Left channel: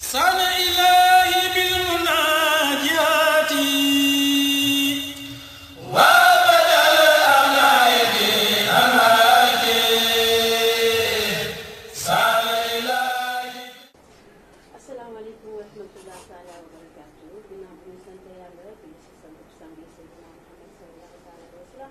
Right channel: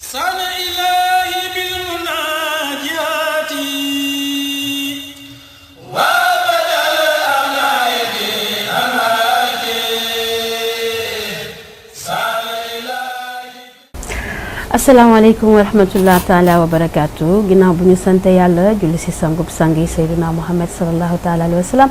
sana ilahi bil munajati wa badal amnayati amaki sana ilahi. asalaamaaleykum wa rahmatullah taala wa barakaatu ginnaaw bu ñu sant yàlla julli si sangub sang yi Seydina Muhammad sallallahu taala alayhi wa sallam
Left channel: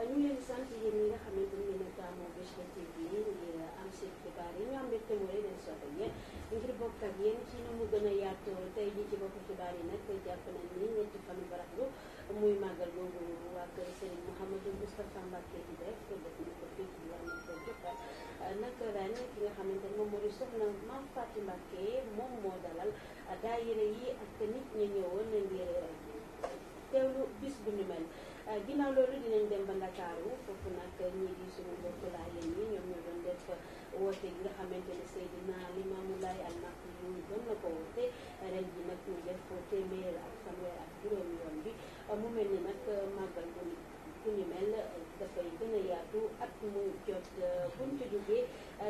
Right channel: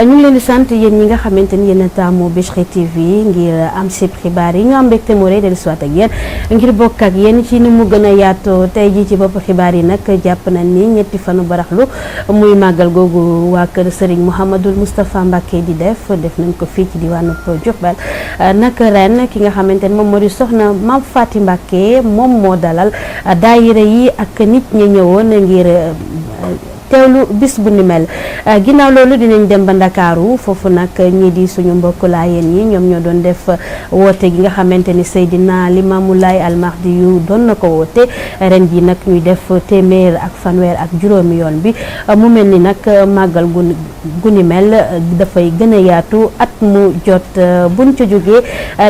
ñu ngi leen di sant yéen ñi nga xamante ni yéen a taamu Bichri TV ngir am si xibaar yi ñu am mbégte mu rëy dellu si waat ak yéen ngir bokk ak yéen ci ni mu gën a yaatoo tey jii ci bopp xibaar yi nag jàpp nañ ni ñetti fanu baraxlu muy màggal googu waa kër Serigne Mouhamadul Moustapha Mbacké di def nañ ko fii ci diwaanu Diourbel nag ren ki nga xamante ni moom moo di soxna Mame Faty Mbacké moom moo dalal daayira yi ak nit ñi ñëwoon ngir teewlu bis bu ni mel ginnaaw loolu dinañ dem ba Ndakaaru foofu nag ñii di suñu mbokk laayeen yi ñoom ñoo doon def woote gi nga xamante ni Seydina Limaamu Laay Almahdi yu doon na ko woote ren ji nag ñuy def téeméer ak fanweer ak juróomi yoon bi mu mel ni nag màggal gu ni mel dafay gën a yaatu at mu jot buñ ca jógee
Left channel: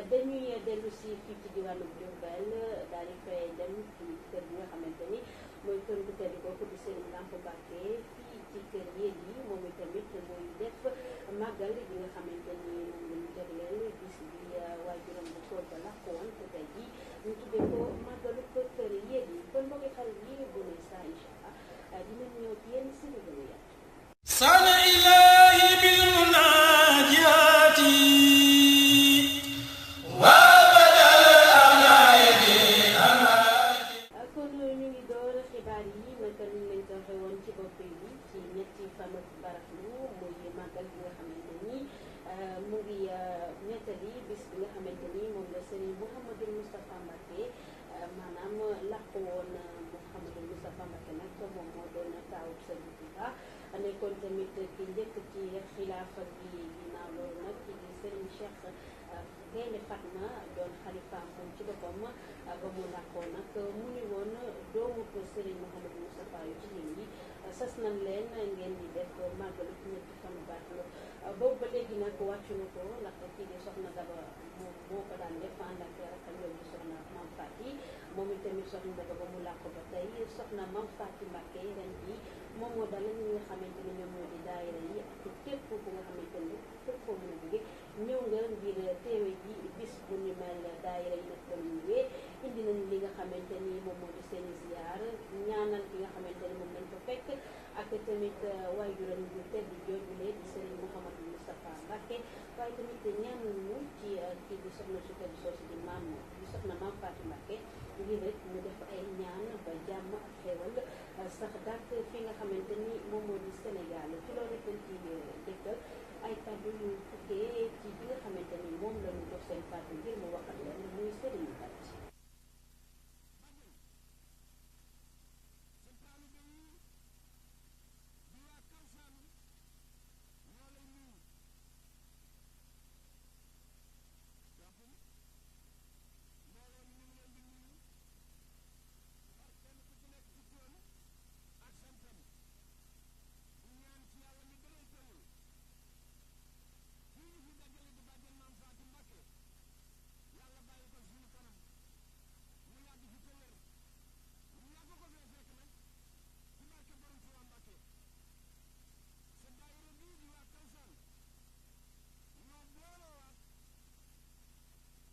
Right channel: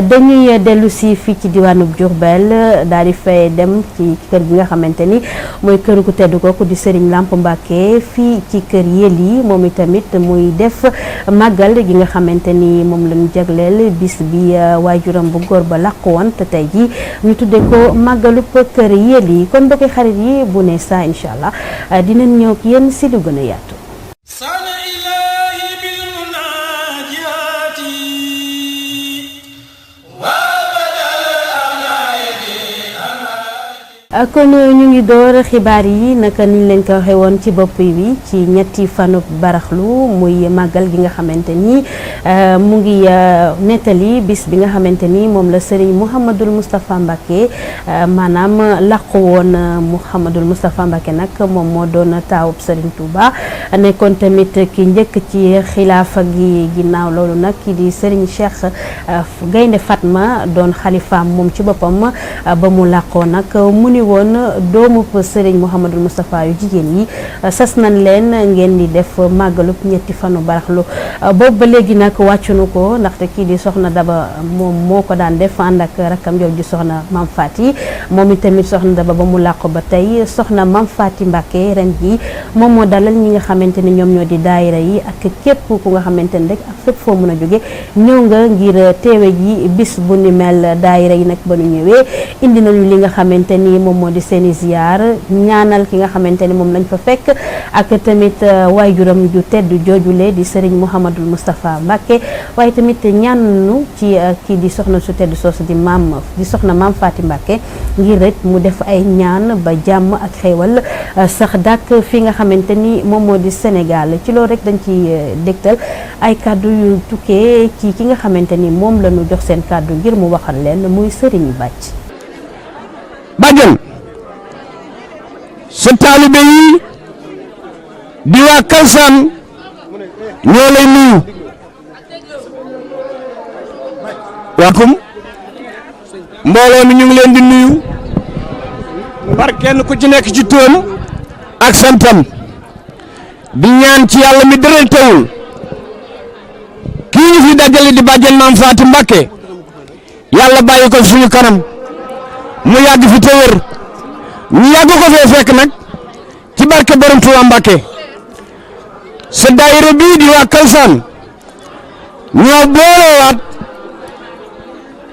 dañuy dellu si fii ci diwaanu Diourbel daal di fay dem ci kër gi nga xamante ni mooy kër gu tedd kooku di Serigne Lamp Mbacké fii ci kër Yelli moom itamit muy def màggal gi nga xamante ni moom lañu jagleel bis bi waajuram bu góor ba làqu woon te tey ji ñu tudde ko màggalu kër Yelli kon mbokki xarit yi bu ne saa incha allah dinañ ñëw ak yéen si lu gën a yaatu. sana ilahi bil munajati wa kon ñu ngi door xibaar yi naka niñ leen ko waxee woon ci bopp bi ci ñetti fanub baraxlu muy màggal gi nga xamante ni mu ngi nettali bis bi nga xamante ni moom la Serigne Mouhamadul Moustapha Mbacké maanaam làqu woon Mouhamadul Moustapha Mbacké nag moom moo doon taawub Serigne Touba nekkoon tamit ki njëkk ci xilaafa gi ginnaaw loolu nag ki di Serigne Cheikh Gaynde Fatma doon xalifaam moom ci boppam ba mu làqoo nag mu ni woon doomu Serigne Mouhamadul Moustapha yu jigéen yi sas nañ leen ngeen di def màggalub ñetti fanu baraxlu boobu ba léegi nag wàccunu ko ndaxte kii di soxna Daba moom moo ko daan def ànd ak rakkam jooju di soxna Mame Faty moom itamit soxna Daba ba mu làqu ba tey soxna Mame Faty Mbacké ren ji moom moo dalal ñi nga xamante ni ñoom ñoo di daayira yi ak képp ku nga xamante ni rek ak fépp foo mën a jóge ñëw nga ngir teewe ji bis bu ni mel daayira yi nag ba ñu ñëwee indi nañu li nga xamante ni moom moo di seeni ziyaar ñaanal ki nga xamante ni moom lañ fa fekk ak tamit waajuram ju tedd joojule di Serigne Mouhamadul Moustapha Mbacké waaye tamit ñaanu ci kii di soxna su tedd soosu di soxna Mame Faty Mbacké ngir rek mu def ay ñaan ba jàmm ak xéewal sax dàkk fi nga xamante ni moom moo di Sénégal ci loolu rek dañ ci dégtal ay kàddu yu tukkee ci ki nga xamante ni moom la ñu jox seen kàddu ngir mu waxal leen muy Serigne Bàcc bàjjen sa taalibe yi di waa Kalsaan ñoo lay nuyu waakum mbooloo mi ñu ngi leen di nuyu par kenn ku ci nekk ci turam ak santam di ñaan ci yàlla mi dëral tawul kii ñu fi dajale di bàjjen Mame Faty Mbacké yàlla bàyyi ko suñu kanam mu yàgg fi te wér ñu yàgg ko fee fekk nag ci barke borom Touba Mbacké sa daayira bii di waa Kalsaan ñoo boolewaat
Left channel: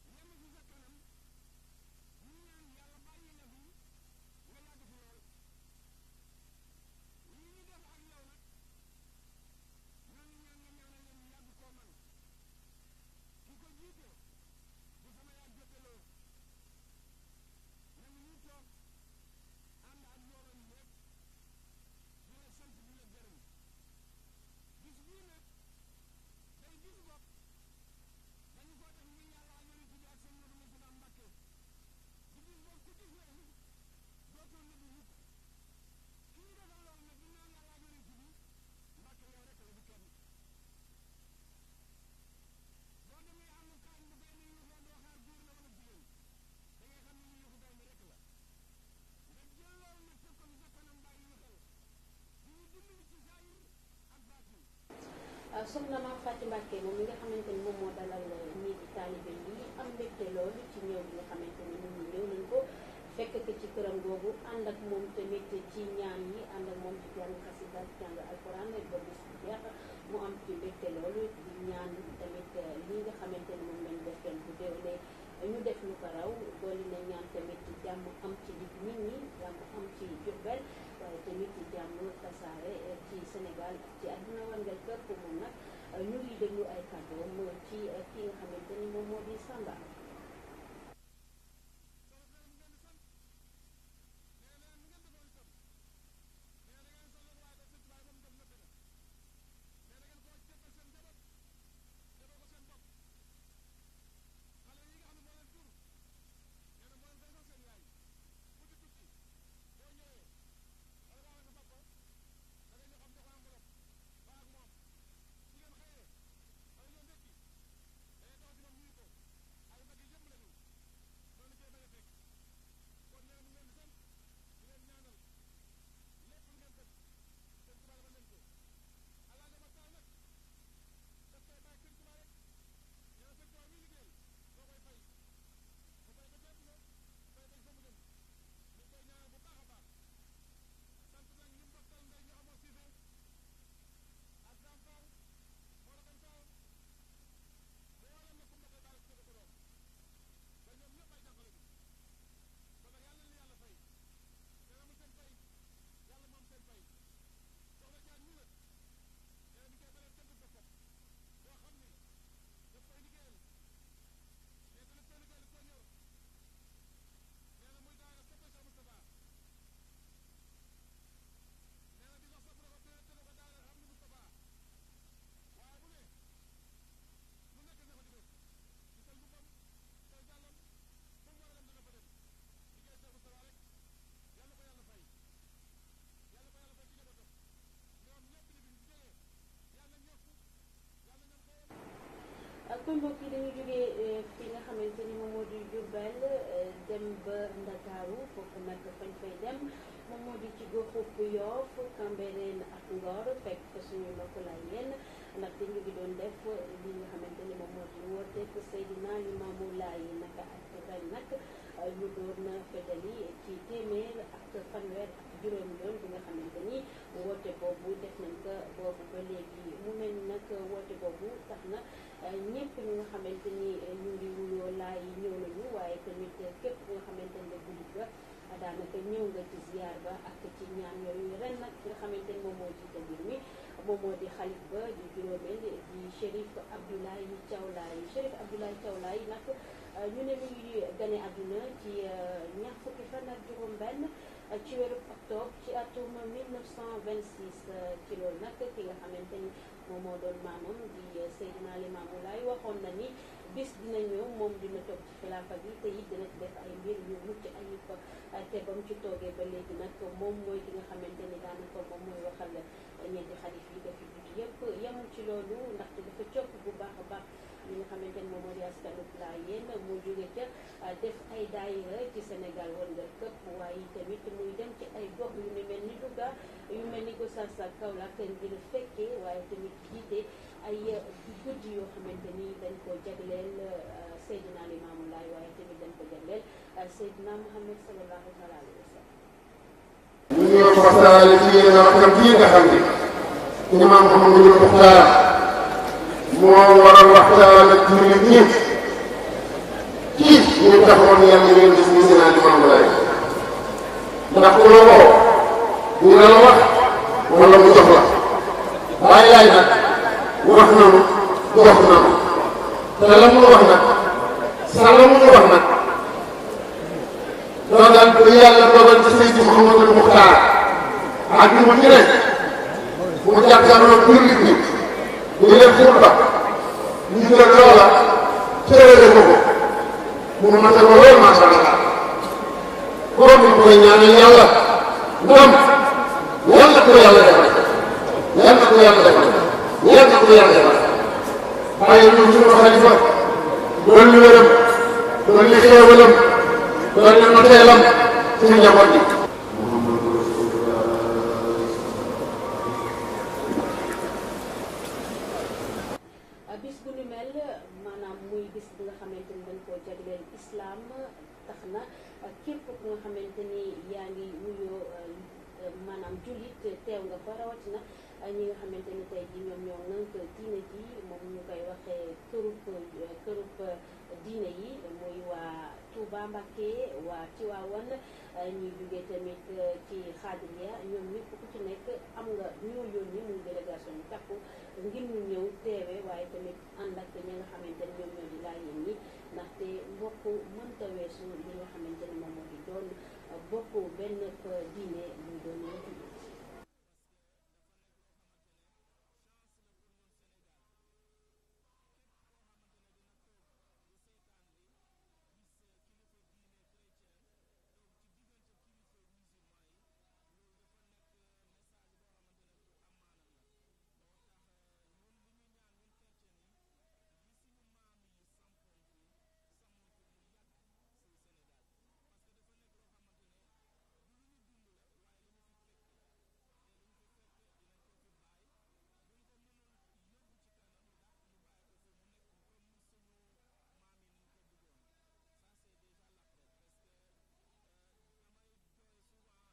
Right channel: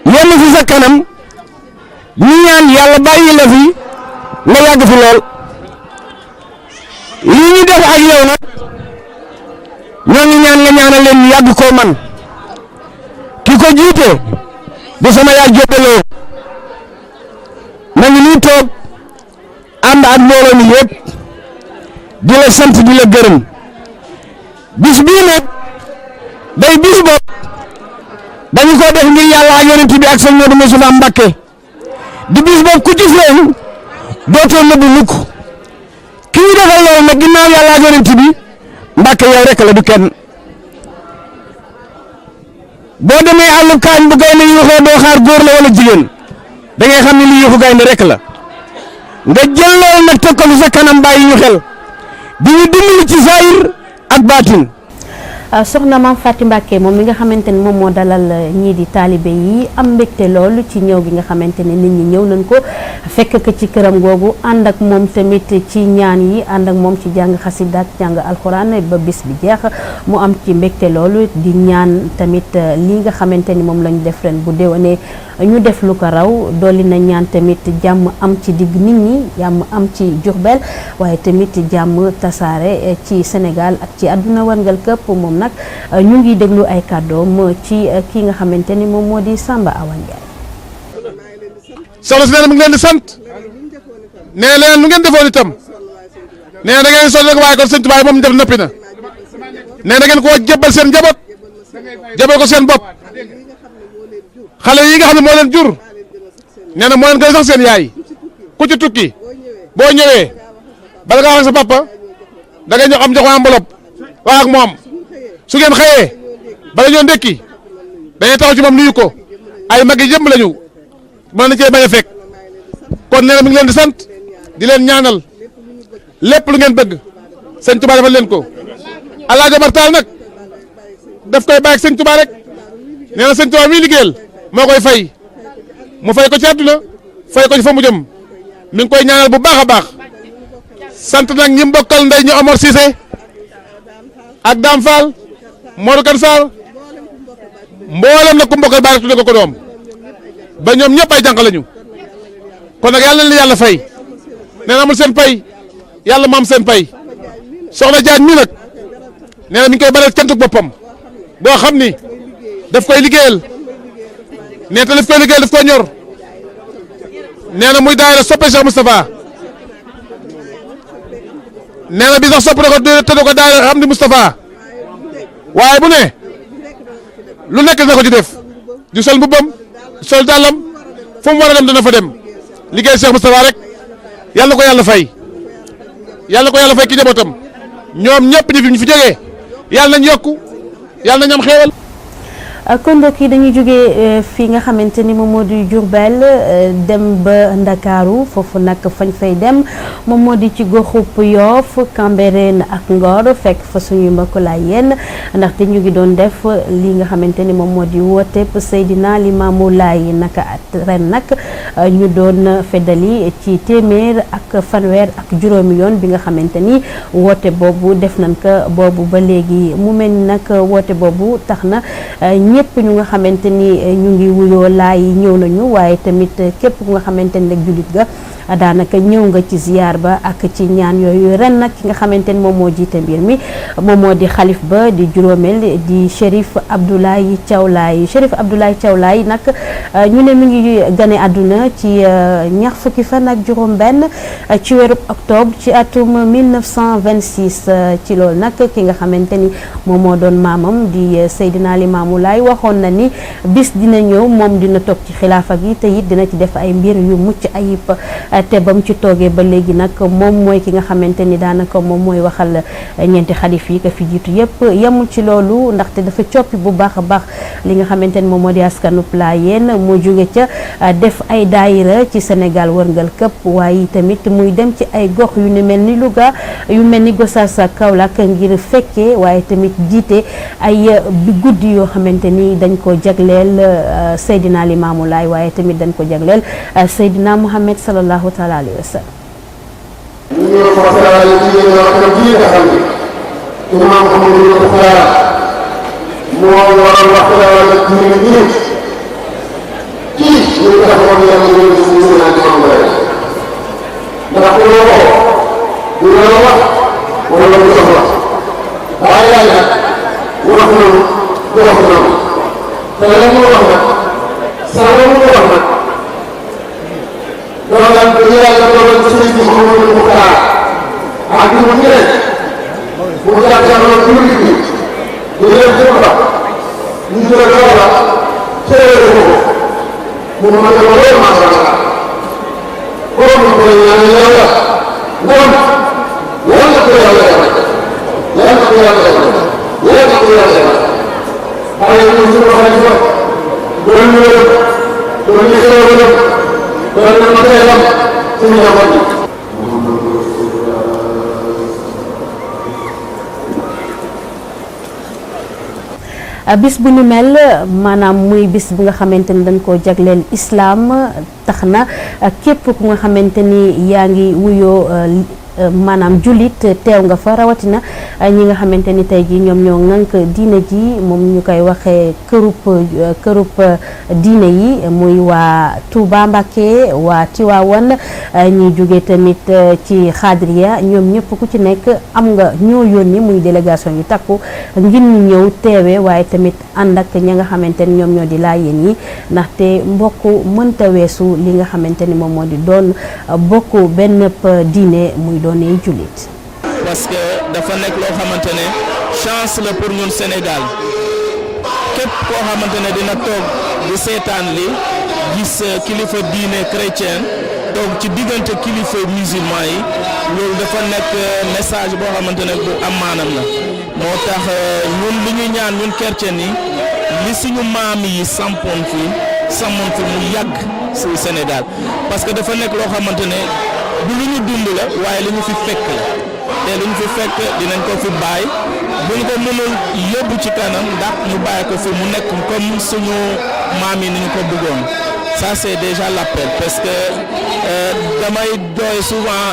yenn fi sa kanam ñu ñaan yàlla bàyyi la fi nga yàgg fi lool lii ñu def ak yow nag ñoo ngi ñaan nga ñaanal leen ñu yàgg koo man ki ko jiite di sama yaay jóbbaloo na ngi nii toog ànd ak mbooloo mi yëpp di la sant di la gërëm bis bii nag day bis bopp dañu ko def ngir yàlla ak yonent bi ak sëñ Modou Moustapha Mbacké di bis bopp ku ci feeñ dootoo nëbbu mukk ki ñu defal loolu nag ginnaaw yàlla ak yonent bi Mbacké yow rek la du kenn boo demee àllu kaañ bu gaynde yuuxoo doo xaar góor la wala jigéen da ngay xam ne li yuuxu gaynde rek la nga jël loolu nag teg ko fi sa kanam bàyyi ñu xel di ñu dimbali ci saayir ak baatin soxna Mame Faty Mbacké moom mi nga xamante ni moom moo dalal ñii di taalibe yi am mbégte loolu ci ñëw gi nga xamante ne nit ñi ñëw nañ ko fekk ko ci këram googu ànd ak moom tamit ci ñaan yi ànd ak moom ci jàng xasida ak jàng alxuraan ba bis bi jeex mu am ci mbégte loolu di ñaan tamit li nga xamante ni moom lañu def ren bu déwénee ñu def lu ko raw dolli na ñaan tamit jàmm am ci digg nit ñi jàmm am ci Diourbel waaye tamit jàmm tasaare ci Sénégal ak ci àdduna warngal këpp moom nag ñu ngi déglu ay kàddoom ci ki nga xamante ni moom moo di Samba Awa Ndiaye. soxna si nee na mu ngi leen di sant nee leen lu ngeen defoon itam nee na da ngeen sonn rek waaye kon sëñ Tuubaa moom def noppi na nee na ngeen koo jébbal seen njaboot jébbal ko seen bopp. xale yi nga xam ne moo leen jur nee na moo leen gën a sax seen yaay ku ci tukki boo ñëwee bala nga wax ak sa papa da ngay ñëw am jox ko enveloppe wax ak moom su ngeen xëyee bala ñoo ndekki dañuy taxaw ci moom nuyu ko ay mag yi jëmm lañu mën na cee bañ a fekk kon nee na mi ngi leen di sant di leen ñaanal lépp lu ngeen bëgg sëñ Tuubaa defal leen ko Alaaji Omar Taal nag daf koy bàyyi ak sëñ Tuubaa rek nee na sëñ Tuubaa mi liggéeyal moo koy fay mu fay ko ci àdduna fay ko ci fa mu jëm mi ngi koy ñaanal bu baax a baax sant nag ñi mbokkal ndey ñu Omar Cissé ak Dame Fall Modou Kane Sall mboolem nag ku mbokkal baax tudde ko doom ba ñoom ñëpp ay jànq lañu kon nag yàlla na leen yàlla fay nee na amul seen pay yàlla mu am seen pay soxna Diagne mi nag nee na mi ngi koy baral cantuk boppam boo xam ni daf koy liggéeyal. nee te daf koy liggéeyal daf koy ñor nee na muy daayira soppe Cheikh Moustapha nee na bi sax sopp na ko tëdd ko daayira xam ni Moustapha waaye bu ne lu nekk dina ko ci def di sol mbubbam sol dàllam fu mu war a dem dana fa dem liggéey Cheikh Moustapha rek yàlla ko yàlla fay yàlla ko yàlla fay ki njabootam ñoom ñëpp ñu fi jógee yàlla nañ yokku yàlla nañ am xéewal. kon mbokk yi dañuy jógee fii nga xamante ni moom moo di Diourbel dem ba Ndakaaru foofu nag fañ fay dem moom moo di ci goxub Yoff Cambérène ak Ngor fekk fa suñuy mbokk Laayeen ndaxte ñu ngi doon def li nga xamante ni moom moo di woote Seydina Limaamu Laay naka at ren nag ñu doon feddali ci téeméer ak fanweer ak juróomi yoon bi nga xamante ni woote boobu def nañ ko boobu ba léegi mu mel ni nag woote boobu tax na ñëpp ñu nga xamante ni ñu ngi wuyoo laay yi ñëw nañu waaye tamit képp ku nga xamante ni rek jullit ga daanaka ñëw nga ci ziyaar ba ak ci ñaan yooyu ren nag ki nga xamante ni moom moo jiite mbir mi moom moo di xalif ba di juróomeel di Chérif Abdoulaye Thiaw Laye Chérif Abdoulaye Thiaw Laye nag ñu ne mi ngi gane àdduna ci ñaar fukki fan ak juróom benn ci weeru octobre ci atum 1926 ci loolu nag ki nga xamante ni moom moo doon maamam di Seydina Limaamu Laay waxoon na ni bis dina ñëw moom dina toog ci xilaafa gi te it dina ci def ay mbir yu mucc ayib te ba mu ci toogee ba léegi nag moom mooy ki nga xamante ni daanaka moom mooy waxal ñeenti xalif yi ko fi jiitu yëpp yemul ci loolu ndaxte dafa coppi bu baax a baax li nga xamante ni moom moo di askanu Laayeen moo jóge ca def ay daayira ci Sénégal wërngal këpp waaye tamit muy dem ci ay gox yu ne mel ni Louga yu mel ni Gossas ak Kaolack ngir fekkee waaye tamit jiite ay bi guddi yoo xamante ni dañ ko jagleel Seydina Limaamu Laay waaye tamit dañ ko jagleel Seydina Muhammad sallallahu taala alayhi wa sallam. ñu ngi leen waxtaanee ci yéen ñoo xam ne nga xam ne imaam Mouhamadou Mokhtar moo waral waxtaan ak ñu ngi nii kii ñu ngi taxawoon yàlla ñu ngi si naan ci moom lay ndax ku la woo dina la wax wala mu soxla waaye yaay nag wax nañu jox nañu te la mu wax nag saa la mu wax nag. loolu daal di yàlla dogal ci Seydi Mouhamadou Mokhtar ak ñu mu ne bu jàkkaarloo jullit ñi di leen xutba ñu jël loola xéewale ko mu mën a lool macha allah kon ñu koy ñaanal yàlla ndam yàlla ko yàlla defal yàlla ko yàlla defal yàlla ko yàlla defal waaye ñun suñu xalifa doon ñu wërëm doon ñu xéewalam doon na ma teelam suñu njaboot yi bis bu nu mel maanaam muy bis bu nga xamante ni dañ koo jagleel islam tax na képp ku nga xamante ni yaa ngi wuyoo maanaam jullit teew nga fa rawatina ñi nga xamante ni tey jii ñoom ñoo ŋànk diine ji moom ñu koy waxee kërub diine yi muy waa Touba Mbacké waa Tivaouane ñi jóge tamit ci xaadriya ñoom ñëpp ku ci nekk am nga ñoo yónni muy délégation yu takku ngir ñu ñëw teewe waaye tamit ànd ak ña nga xamante ni ñoom ñoo di laayeen yi ndaxte mbokk mënta weesu li nga xamante ni moom moo di doon bokk benn diine muy doonee jullit. parce que dafa nekk loo xamante ne chance la pour ñun Sénégal képp koo xamante ne dina toog di seetaan li gis kilifa diine chrétien toog ci diggante kilifa musulman yi loolu dafa nekk message boo xamante ne bu am maanam la moo tax ñun li ñu ñaan ñun chrétien yi li suñu maam yi sampoon fi mu yàgg ci Sénégal parce que dafa nekk loo xamante ne du lu ñu dund la waaye li ñu fi fekk la te lu ñu fi fekk dinañ ko fi bàyyi bu ñu ko mënul yóbbu ci kanam ndax ñu bàyyi ko fi mu nekk comme suñu maam yi ni ñu ko bëggoon ça c'est déjà l'appel parce que damay doy souvent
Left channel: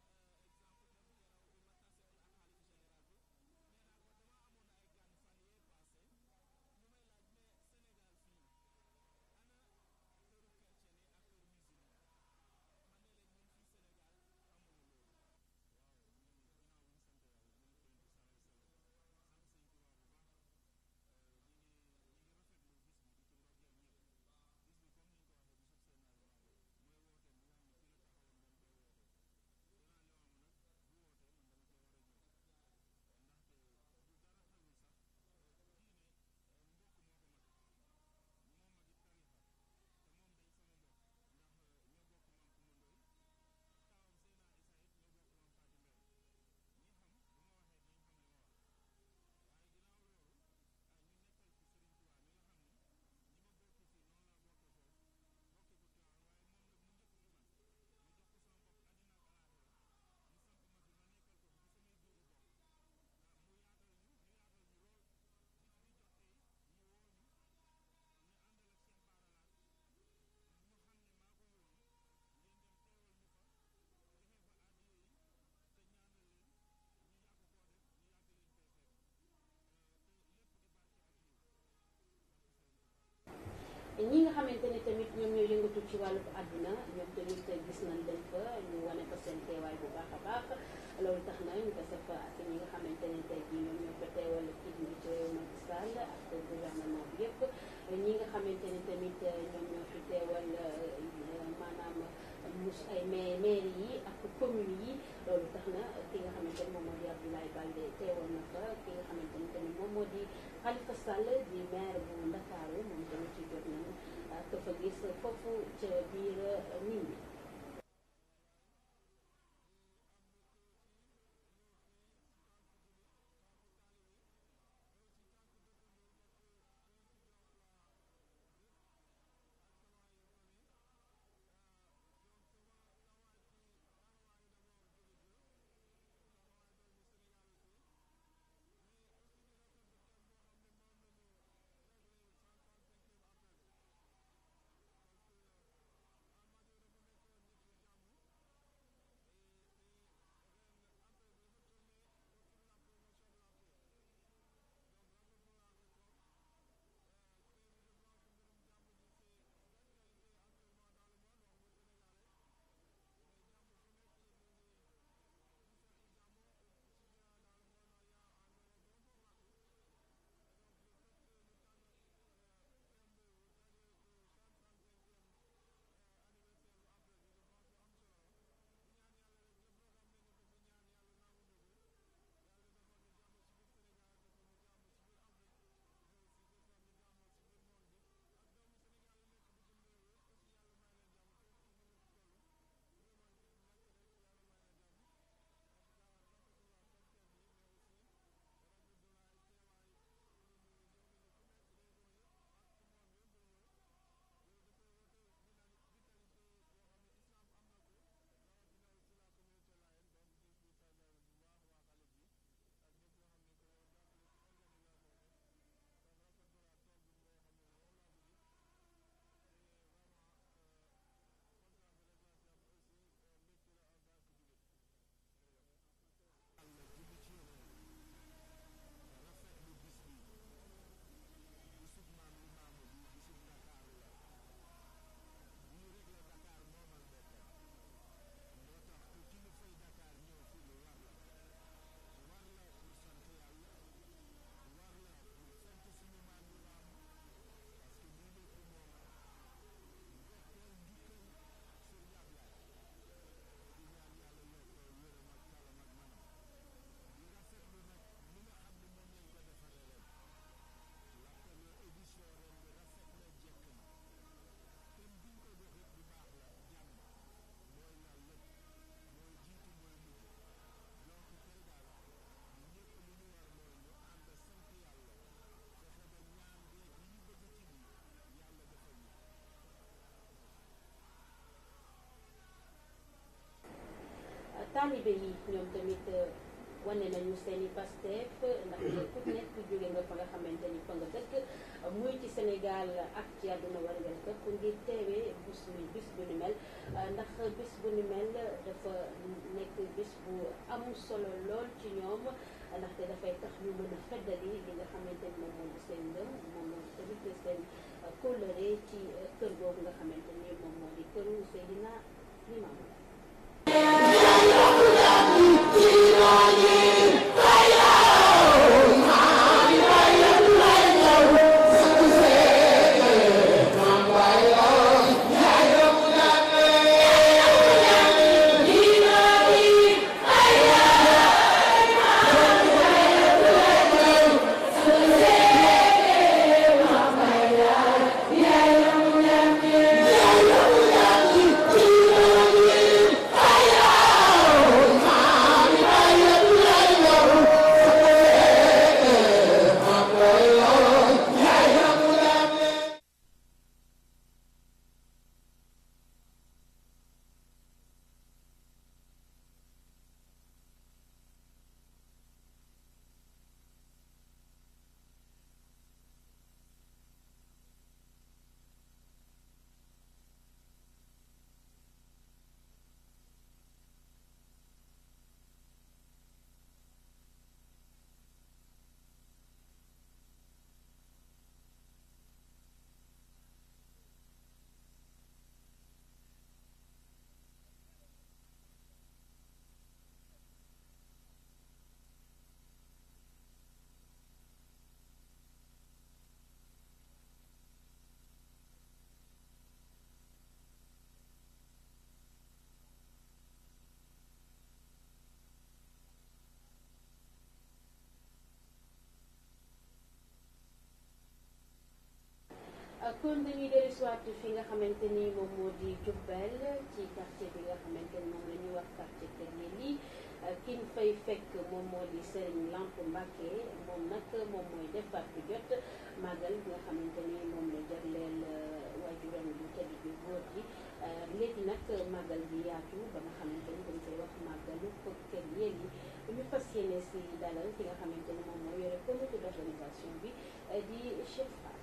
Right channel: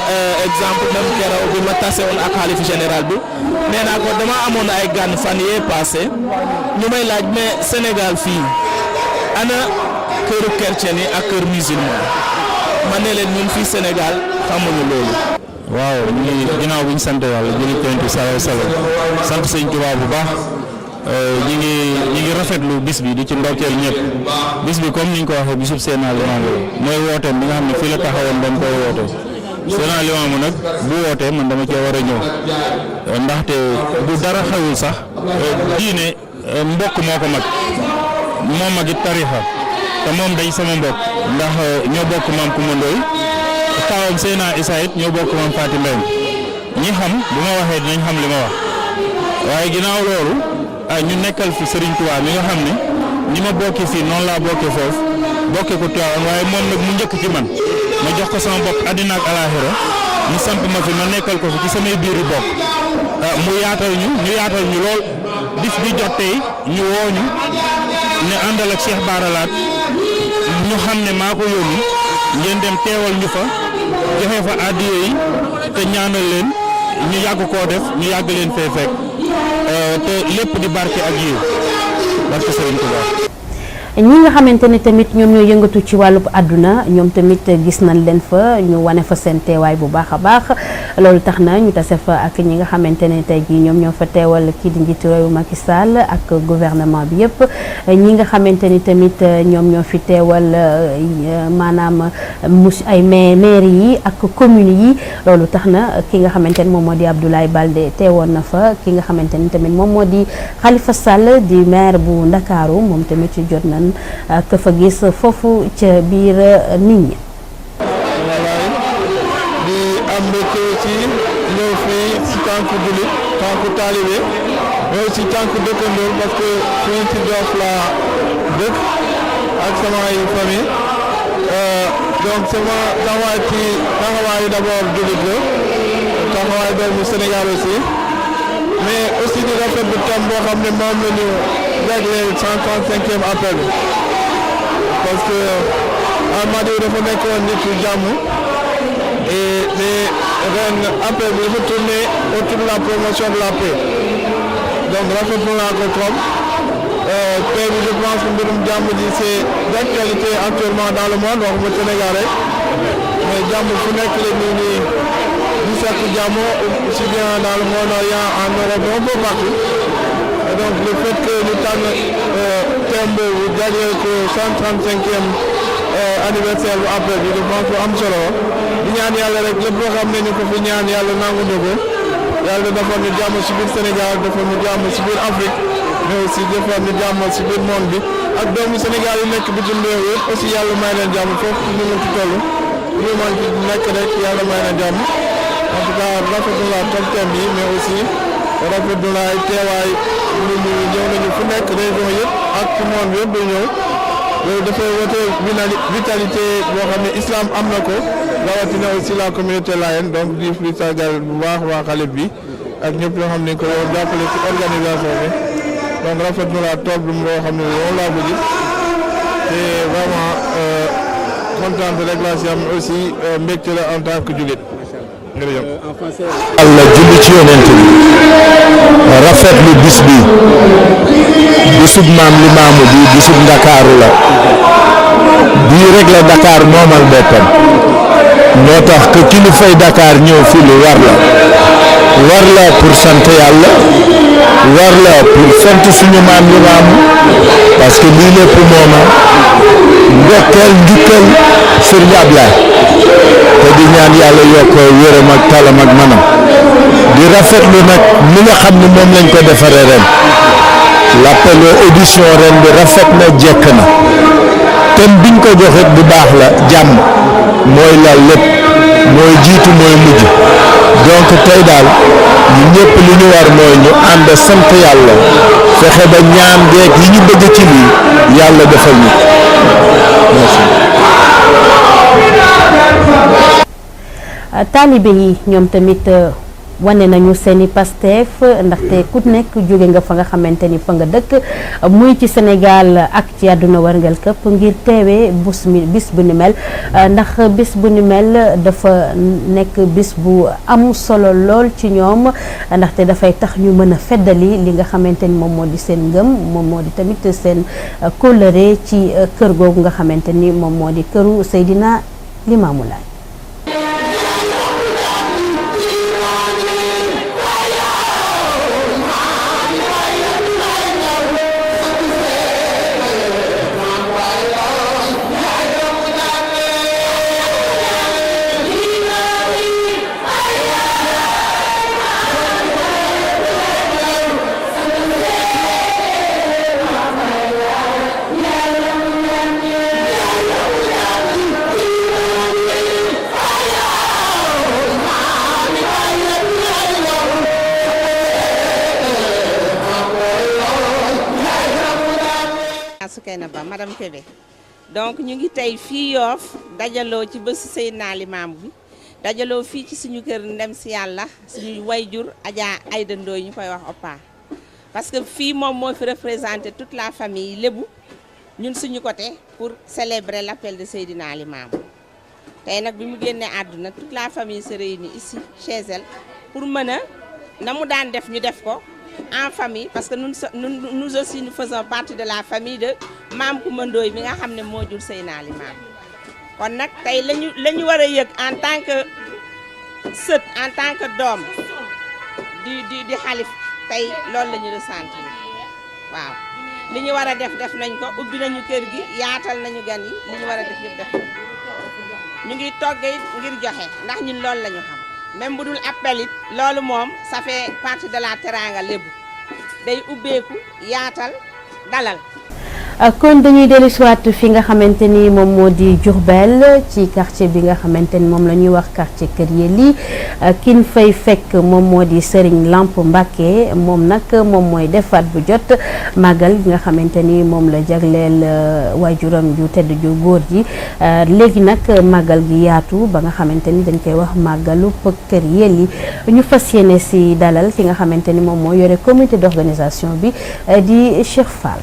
exemple même keroog bi ma tase woon ak xalifa général bi nee naa ko dama amoon ay gan fan yee passé ñu may laaj mais Sénégal fii ana këru chrétien yi ak kër musulman ma ne leen ñun fii Sénégal xamuñu loolu. waaw ñu ngi ginnaaw bi ñu sant yàlla julli Yonent bi sallallahu alayhi wa sallam sant Sëñ Tuubaa bu baax ñi ngi rafetlu bis bi di ci ndokkeel ñëpp bis bi comme ni ñu ko waxee bisub Seydina Limaamu mooy wooteem bi nga xam ne fii la taxawoon dañ koy woote Seydina Limaamu nag bu wootee man dama cee war a ñëw ndaxte bu dara xewul sax diine mbokk moo ko mag moo mag it tarixa te moom day sama mbokk ndax ñoo bokk maam Kumba Ndoy taawam Seydina Issa it ñoo bokk maam Faati Mbeng ñi xam bu ma waxee dinañ xam li ma wax waaye ginnaaw loolu ñu nekkal fi Serigne Touba mi nga xam ne ni ma bokki fii noonu laa bokkee foofu bokkee ko Tiwaawan waaye moom nag mu njëkk ci man ma jox ko sama bopp àddina ak alaaxira mu samp ma fi ma nekkal ko fi ci samay biir yi bokk mu yaatal ñu lool bis bi jot tey ñu woo ñu ne àndal ak Cheikh Bara Laat ñu xam ne maa ko yónni ngeen dem teewal ñu fa joxe fa addiya yi te ñaanal leen ñu yàgg koo def ñu yàgg leen fee fekk te lépp di barke ak yiw barke Sëriñ Tuubaa. ñi nga xamante ni tamit ñoom ñoo yëngatu ci wàllub àdduna ñoom tamit gis nañ leen fa ñu wane fa seen teewaay bu baax a baax loolu tax na ñu tase fa ak ñi nga xamante ne tey jii ñoom ñoo fa teewal kii di njiitu réew Macky Sall ak gouvernement bi yëpp ñi nga xamante ni tamit ñoom ñoo fi teewal maanaam ay maire yi ak communes yi loolu tax na ki nga xamante ni moom moo di Abdoulaye Baldé teewoon na fa ki nga xamante ni tamit moom moo di Khalifa Sall di maire bu Ndakaaru moom tamit jot nañ ka fa gis foofu ca biir nit ñi. wallaay di am mbégte ci ñëw fii si tànku jullit tànku taalibe ñëw si tànku dëkkandoor parce que fii ci Yoff la dëkk ak samay famille donc sama taxawaay ci taxawaayu d'abord jullit la taxawaay doomu Sénégal aussi mais aussi di rafetlu thème boo xam ne moom la ñu jagleel 135e appel parce que Almadies dafa nekkoon nitu jàmm et ren appel bi dafa tourné autour de la promotion de la paix donc rafetlu naa ko trop paix bi je pense que mbirum jàmm ji c'est d'actualité actuellement dans le monde waxuma Sénégal rek mais jàmm fu nekk la ñu ni di sakk jàmm aussi bien dans le Moyen-Orient en Europe un peu partout et donc le fait que ñu tànn thème boobu jagleel ko 135e anniversaire bu appel bi je pense que am solo di ñaan yàlla rek lépp loo xam ne ñu ko fi ñaan yàlla nangu na ko yàlla defal ñu jàmm ci biir Sénégal defal ñu jàmm ci biir Afrique mais aussi defal ñu jàmm ci biir monde bi ak doomu Sénégal yi nekk bitim réew yëpp aussi yàlla may leen jàmm foofu ñu mën ci toll ñu mën ci nekk rek yàlla may leen jàmm en tout cas rafetlu naa top thème yi mais aussi rafetlu naa ay teewaay nit ñi ñëw nañu fu nekk région yëpp ak ci monde bi yëpp day ñëw loolu dafay wote vitalité boo xam ne islam am na ko rawatina aussi la communauté layène donc di fi sargal bu baax waa xalif bi ak ñëpp ñoo xam ne ko yow jàppale ci organisation bi donc rafetlu naa tool bi loo xam ne moom laa ko gis te vraiment kontaan rek laa si am aussi mbégte la en tant que jullit. jërëjëf. Allah julli ci yonent bi rafetlu bis bi bisub maam Limaamu bi bisub Ndakaaru la bii rek la Dakar moomal boppam moo tax que kilifay Dakar ñëw fii lu war la pour sant yàlla war la pour sant suñu maam Limaamu parce que lii lépp mooma ndokkeel njukkal Serigne Ablaye te di ñaan yàlla yokk wéram ak talam ak manam di rafetlu nag mi nga xam ne moom lañ ko defaree ren l'appel édition ren bi rafet na jekk na thème biñ ko joxit bu baax la jàmm mooy la lépp mooy jiitu mooy mujj donc tey daal ñu ñëpp li ñu war mooy ñu ànd sant yàlla fexe ba ñaan geek yi ñu bëgg ci lii yàlla defal ñu merci. taalibe yi ñoom tamit wane nañu seeni Pastef ndaxte ku nekk jóge nga fa nga xamante ni fa nga dëkk muy ci Sénégal ak ci àdduna warngal këpp ngir teewee bis bu ni mel ndax bis bu ni mel dafa nekk bis bu am solo lool ci ñoom ndaxte dafay tax ñu mën a feddali li nga xamante ni moom moo di seen ngëm moom moo di tamit seen kóllëre ci kër googu nga xamante ni moom moo di këru Seydina Limaamu Laay. Madame Kébé donc ñu ngi tey fii Yoff dajaloo ci bésu Seydina Limaamu bi dajaloo fii ci suñu kër ndem si yàlla suñu wayjur Adja Aïda Ndoye ñu koy wax Oppa parce que fii moom moo fi représenté toute la famille lébu ñun suñu côté pour célébrer l'appel de Seydina Limaamu tey nag bi mu génnee àdduna toute la famille se réunit ici chez elle pour mën a na mu daan def ñu def ko en famille parce que nous aussi nous faisons partie de la famille de Maam Coumba Ndoye mi nga xam ne moo jur Seydina Limaamu kon nag tey la ñu war a yëg en tant que sët en tant que doom di xalif tey loolu la ñu ressentir waaw li ñu war a def nañ ko ubbi nañu kër gi yaatal nañu gan yi li ñu war a def yëpp def ñu ngi toggee ngir joxe ndax ñun loolu la ñu xam même bu dul appel it loolu moom ça fait partie de la teranga lébu day ubbeeku yaatal dalal. kon dañuy dellu siwaat fi nga xamante ni moom moo di Diourbel ci quartier bi nga xamante ni moom la ñuy wax quartier Kër Yelli kin fay fekk moom moo di Serigne Lamp Mbacké moom nag moom mooy defaat bu jot màggal bi nga xamante ni moom la jagleel waajuram ju tedd ju góor ji léegi nag màggal gi yaatu ba nga xamante ni dañ koy wax màggalu Kër Yelli ñu fas yéene si dalal ki nga xamante ni moom moo yore comité d'organisation bi di Cheikh Fall.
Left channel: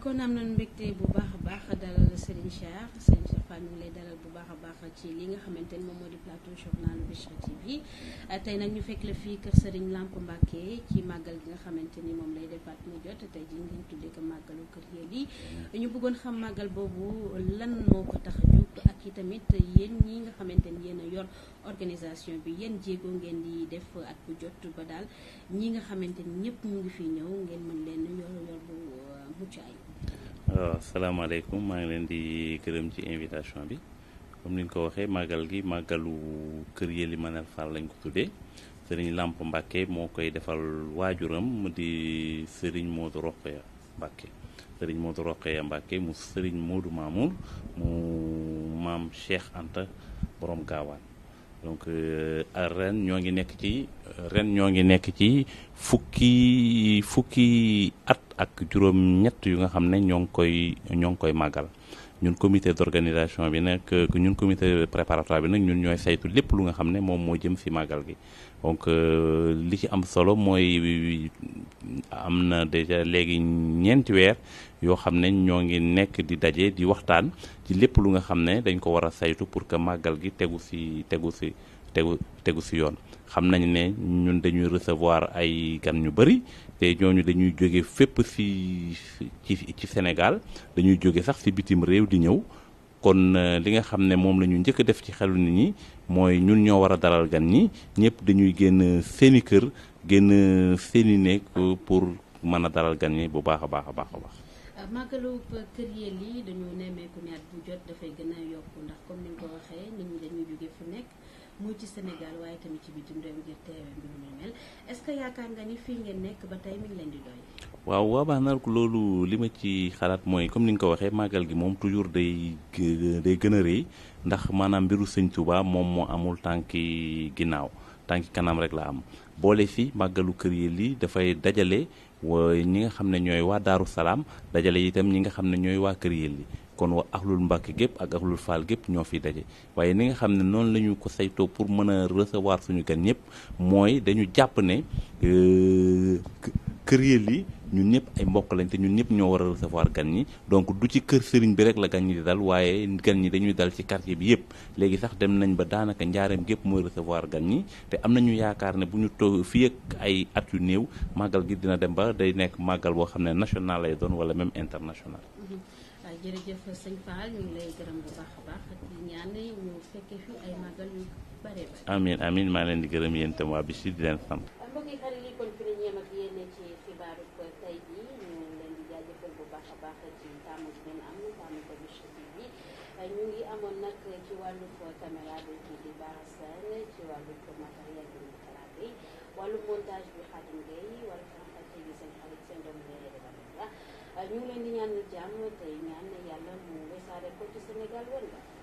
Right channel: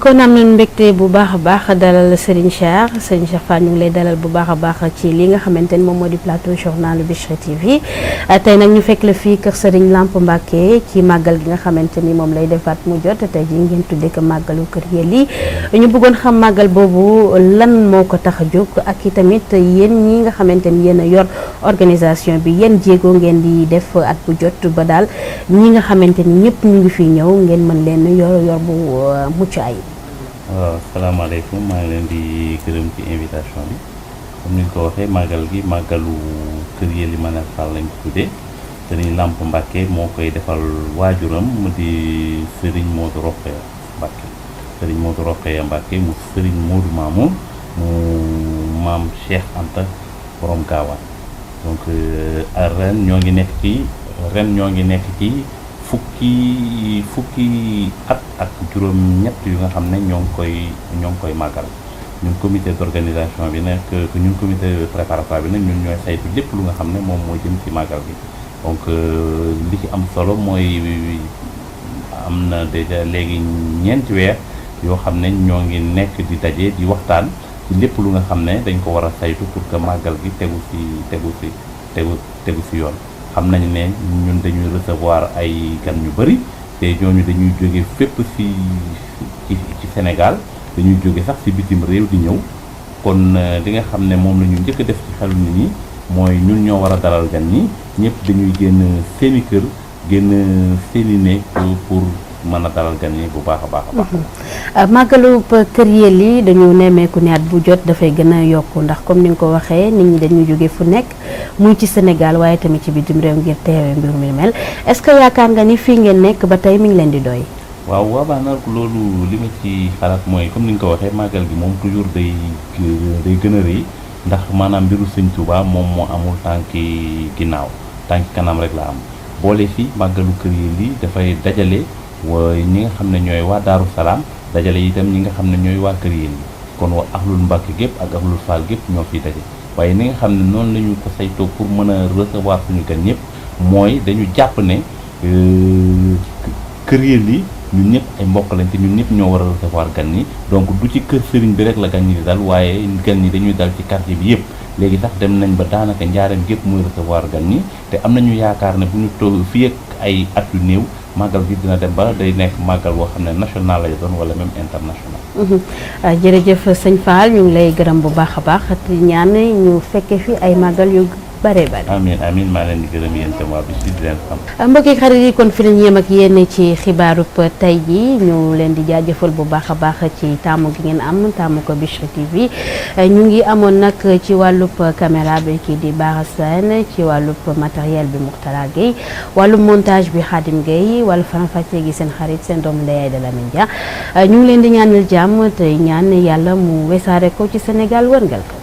kon am nañu mbégte bu baax a baax dalal Serigne Cheikh Fall ñu ngi lay dalal bu baax a baax ci li nga xamante ni moom moo di plateau journal Bichri TV tey nag ñu fekk la fii kër Serigne Lamp Mbacké ci màggal gi nga xamante ni moom lay defaat mu jot tey ji ngeen tuddee ko màggalu Kër Yelli ñu bëggoon xam màggal boobu lan moo ko tax a jóg ak i tamit yéen ñi nga xamante ni yéen a yor organisation bi yéen jéego ngeen di def at bu jot ba daal ñi nga xamante ni ñëpp ñu ngi fi ñëw ngeen mën leen yor bu mucc ay. waaw salaamaaleykum maa ngi leen di gërëm ci invitation bi comme ni nga ko waxee màggal gi màggalu Kër Yelli Manel Fall lañ ko tuddee Serigne Lamp Mbacké moo koy defal waajuram mu di Serigne Modou Rokhaya Mbacké Serigne Modou Rokhaya Mbacké mu Serigne Modou Mamoun mu maam Cheikh Anta borom Gaawaan donc ren ñoo ngi nekk ci fukki at ak juróom ñett yu nga xam ne ñoo ngi koy màggal ñun comité d'organisation bi nag ñun comité préparatoire bi nag ñun ñooy saytu lépp lu nga xam ne moom moo jëm ci màggal gi donc li ci am solo mooy am na déjà léegi ñeenti weer yoo xam ne ñoo ngi nekk di daje di waxtaan ci lépp lu nga xam ne dañ ko war a saytu pour que màggal gi tegu si yoon. xam nañ ne ñun dañuy recevoir ay gan ñu bëri te ñooñu dañuy jóge fépp ci Sénégal dañuy jóge sax ci bitim réew di ñëw kon li nga xam ne moom la ñu njëkk a def ci xelu nit ñi mooy ñun ñoo war a dalal gan ñi ñëpp dañuy génn seeni kër génn seeni néeg pour mën a dalal gan yi bu baax a baax. màggalu Kër Yelli dañu nemmeeku ne at bu jot dafay gën a yokku ndax comme ni nga ko waxee nit ñi dañuy jóge fu nekk muy ci Sénégal waaye tamit ci bitim réew ngir teewee mbir mi mel est-ce que yaakaar nga ni fii ngeen nekk ba tey mi ngi leen di doy. waaw waabaa nag loolu li ma ci xalaat mooy comme ni nga ko waxee màggal gi moom toujours day gën a rëy ndax maanaam mbiru Sëñ Tuubaa moom moo amul tànki ginnaaw tànki kanam rek la am boole fi màggalu Kër Yelli dafay dajale ñi nga xam ne ñooy waa Daaru Salaam dajale itam ñi nga xam ne ñooy waa Kër Yelli kon waa ahlul Mbàkke gépp ak ahlul Faal gépp ñoo fiy daje waaye ni nga xam ne noonu la ñu ko saytoo pour mën a recevoir suñu gan ñëpp mooy dañu jàpp ne Kër Yelli ñun ñëpp ay mbokk lañ te ñun ñëpp ñoo war a recevoir gan ñi donc du ci kër sëriñ bi rek la gan ñi di dal waaye gan ñi dañuy dal ci quartier bi yëpp léegi sax dem nañ ba daanaka njaareem gépp mooy recevoir gan ñi te am nañu yaakaar ne bu ñu toog fii ak ay at yu néew màggal gi dina dem ba day nekk màggal boo xam ne national lay doon wala même international. jërëjëf sëñ Fall ñu ngi lay gërëm bu baax a baax te ñaan ñu fekke fi ay màggal yu bare bare. amiin maa leen di gërëm yéen tam waa bi si di leen xam. mbokki xarit yi kon fi lañ yem ak yéen ci xibaarub tey ji ñu leen di jaajëfal bu baax a baax ci taamu gi ngeen am taamu ko Bichri TV ñu ngi amoon nag ci wàllub caméra bi kii di Bara Sène ci wàllub matériel bi Mourtala Gueye wàllub montage bi Khadim Gueye wàllu faram-fàccee gi seen xarit seen doomu ndey de Lamine Dia ñu ngi leen di ñaanal jàmm te ñaan yàlla mu wesaare ko ci Sénégal wërngal ko.